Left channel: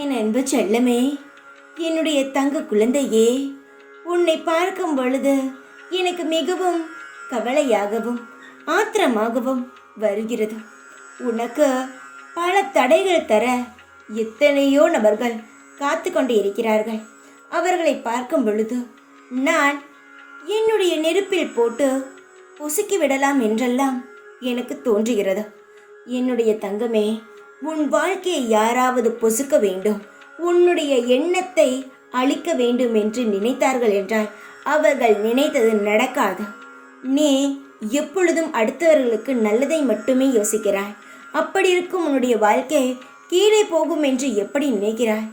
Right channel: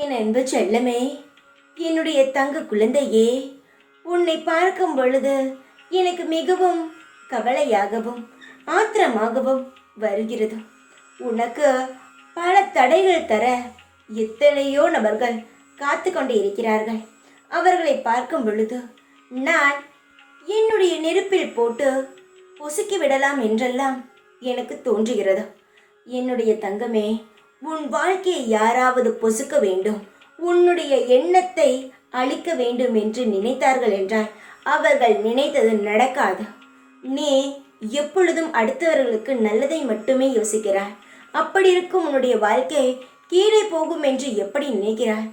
என் அன்பு செல்லமே, என்னுடைய தங்க குழந்தையே, உன்னை பார்க்கும் பொழுது எனக்கு மிகவும் கவலையாகவும் ஆத்திரமாகவும் வருகிறது. உனக்கு பல தடைகள் தர எத்தனையோ நபர்கள் காத்து கொண்டு இருக்கிறார்கள். அவர்களை பார்க்கும் பொழுது நான் என்னுடைய நெருப்பில் போட்டு பொசுக்கி விடலாம் என்றெல்லாம் எனக்கு தோன்றுகிறது. என்னுடைய தங்கமே, உன் வாழ்க்கையை யாராவது பொசுக்க வேண்டும், உன்னுடைய எண்ணத்தை அழிக்க வேண்டும் என்று நினைத்தார்கள் என்றால் அவர்கள் நினைத்தது நடக்காது. நீ எப்பொழுதும் அடுத்தவர்களுக்கு நல்லதை மட்டுமே யோசிக்கிறாய். அப்படி இருக்கும் உன்னுடைய வாழ்க்கை கீழே போகும் என்று எப்படி நினைக்கிறாய்?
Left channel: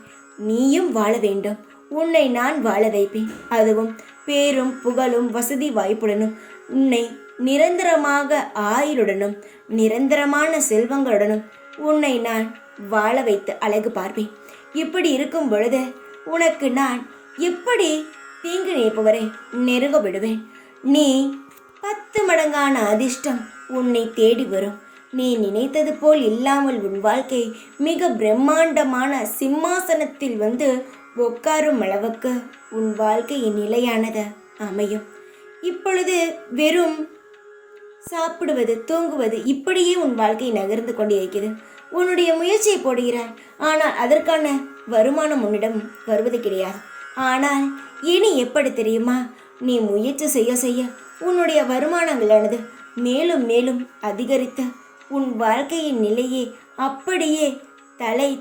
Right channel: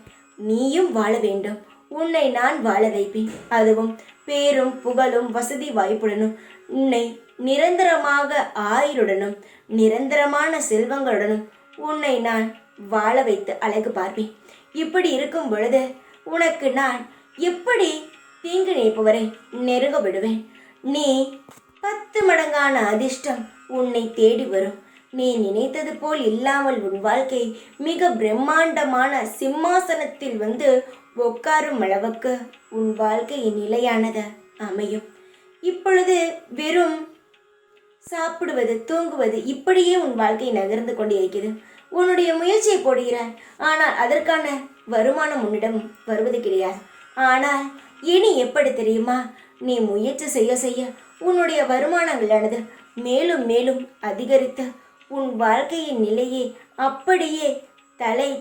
நீயும் வாழ வேண்டும். உன்னை நான் வாழ வைப்பேன். அதுவும் பேரும் புகழும் வசதி வாய்ப்புடனும், உன்னை நிரந்தரமாக ஆயுளுடனும் நிரந்தரமான செல்வங்களுடனும் உன்னை நான் வாழ வைத்து அழகு பார்ப்பேன். இப்படி இருக்கும் பொழுது உனக்கு நான் எப்படி தீங்கு நினைப்பவரை நெருங்க விடுவேன். நீ 10 மடங்கான அதிர்ஷ்டம் உன்னை தேடி வரும். நீ நினைத்தது போல் இல்லாமல் உன் வாழ்க்கை மிக பிரம்மாண்டமான சிம்மாசனத்தில் வந்து உட்காரும் அளவுக்கு உன் வாழ்க்கையின் நிலையானது அமையும். இப்பொழுது வெறும் சாப்பிடுவது தூங்குவது இப்படியே உன் வாழ்க்கை நகர்ந்து கொண்டே இருக்கிறது. உன்னுடைய முயற்சியை போடுகிறாய், ஆனால் அதற்கான வருமானம் உன்னிடம் வருவது கிடையாது. ஆனால் இனி எப்படி தெரியுமா? நீ முயற்சி செய்ய செய்ய உன்னுடைய வருமானங்களானது மேலும் மேலும் அதிகரித்து உன் வாழ்க்கையின் நிலையை அப்படியே தலை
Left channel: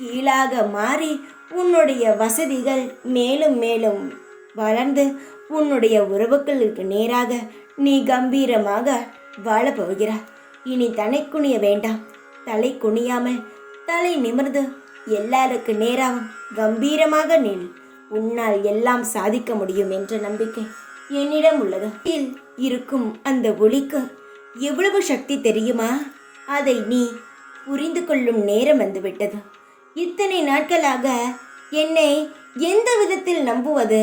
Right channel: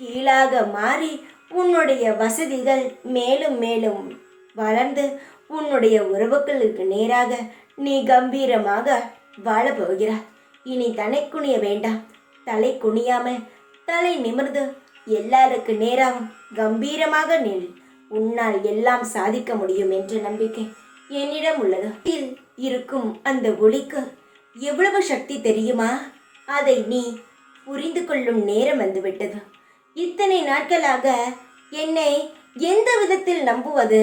கீழாக மாறி உன்னுடைய வசதிகள் மேலும் மேலும் வளர்ந்து உன்னுடைய உறவுகளுக்கு நேராக நீ கம்பீரமாக வாழப்போகிறாய். இனி தலை குனிய வேண்டாம். தலை குனியாமல் தலை நிமிர்ந்து எல்லாருக்கு நேராகவும் கம்பீரமாக நில். உன்னால் எல்லாம் சாதிக்க முடியும் என்ற நம்பிக்கை என்னிடம் உள்ளது. இருக்கும் அந்த ஒளிக்கு எவ்வளவு சக்தி தெரியுமா? அதை நீ புரிந்து கொள்ளும் நேரம் வந்துவிட்டது. இத்தனை நாட்களாக என்னை எந்த விதத்தில் நம்புவது?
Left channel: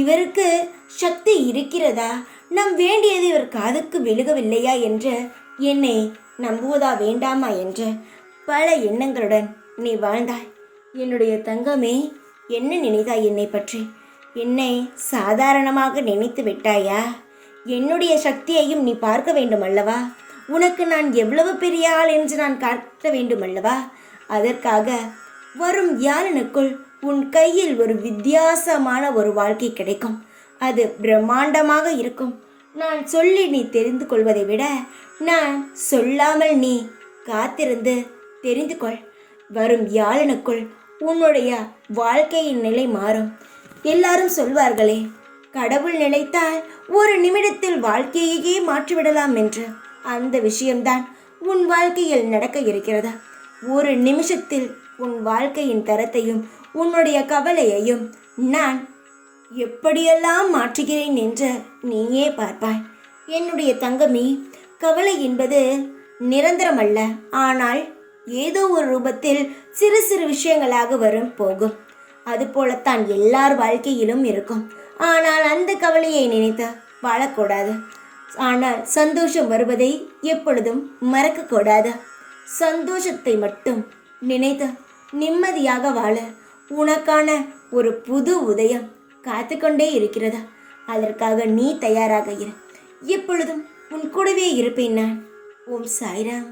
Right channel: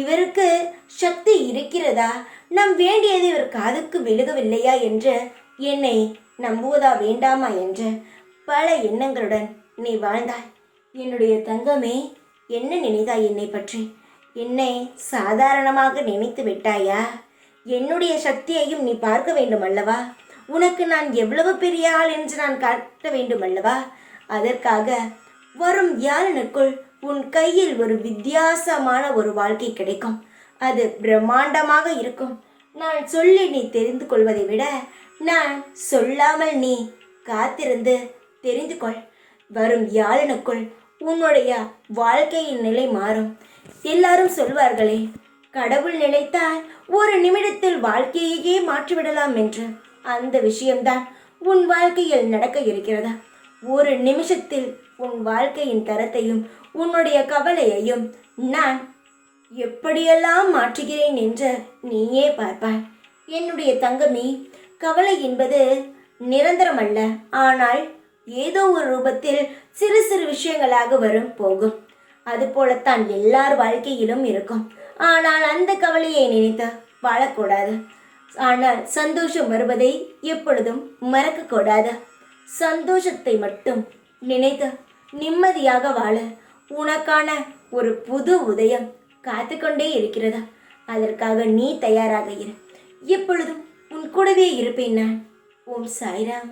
இவருக்கு சக்தி இருக்கிறதா? நம் வேண்டியது இவர் காதுக்கு விழுகவில்லையா என்று என்னை நம்புவதா வேண்டாமா என்று பல எண்ணங்களுடன் நீ வாழ்ந்தாய். என்னுடைய தங்கமே, என்ன நினைத்தாய் என்னை பற்றி? என்னை சாதாரணமாக நினைத்து விட்டாயா? என்னுடைய சக்தியையும் நீ பார்க்க வேண்டும் அல்லவா? உனக்கு நான் எவ்வளவு பெரிய ஆள் என்று நான் காட்ட வேண்டும் அல்லவா? அதற்காக வரும் வியாழனுக்குள் உன் கையில் ஒரு வித்தியாசமான ஒரு வாழ்க்கை கிடைக்கும். அது பிரம்மாண்டமாக இருக்கும். நான் சொல்லி நீ தெரிந்து கொள்வதை விட நான் சொல்லாமல் நீ காத்திருந்து தெரிந்து கொள். வரும் வியாழனுக்குள் உன்னுடைய வாழ்க்கையின் நிலை மாறும். எல்லாரும் சொல்வார்களே, கடவுள் நினைத்தால் ஒரு நிமிடத்தில் வாழ்க்கையையே மாற்றிவிடலாம் என்று. அந்த விஷயம்தான் உன் வாழ்க்கையில் நடக்க இருக்கிறதா? ஒரு நிமிஷத்தில் உன் வாழ்க்கையின் தரத்தையும் உன்னுடைய கவலையையும் நான் எப்படியெல்லாம் மாற்றுகிறேன் என்று நீயே பார்ப்பாய். என்னுடைய தங்கமே, கவலை என்பது நிரந்தரமல்ல. ஆனால் ஏதோ ஒரு ரூபத்தில் சிறு சிறு விஷயங்களாக வரும் போகும். அதுபோலத்தான் எல்லார் வாழ்க்கையிலும் இருக்கும். ஆனால் அந்த கவலையை நினைத்து வாழக்கூடாது. ஆனால் சந்தோஷம் வருவதை எப்பொழுதும் மறக்கக்கூடாது. சந்தோஷத்தை மட்டும் நினைத்து நிம்மதியாக வாழ உனக்கான ஒரு புது உதயம் காத்து கொண்டே இருக்கிறதா? அதற்காக நீ தயாராக இரு. எப்பொழுதும் உன் கூடவே இருப்பேன் நான். ஓம் சாய்ராம்.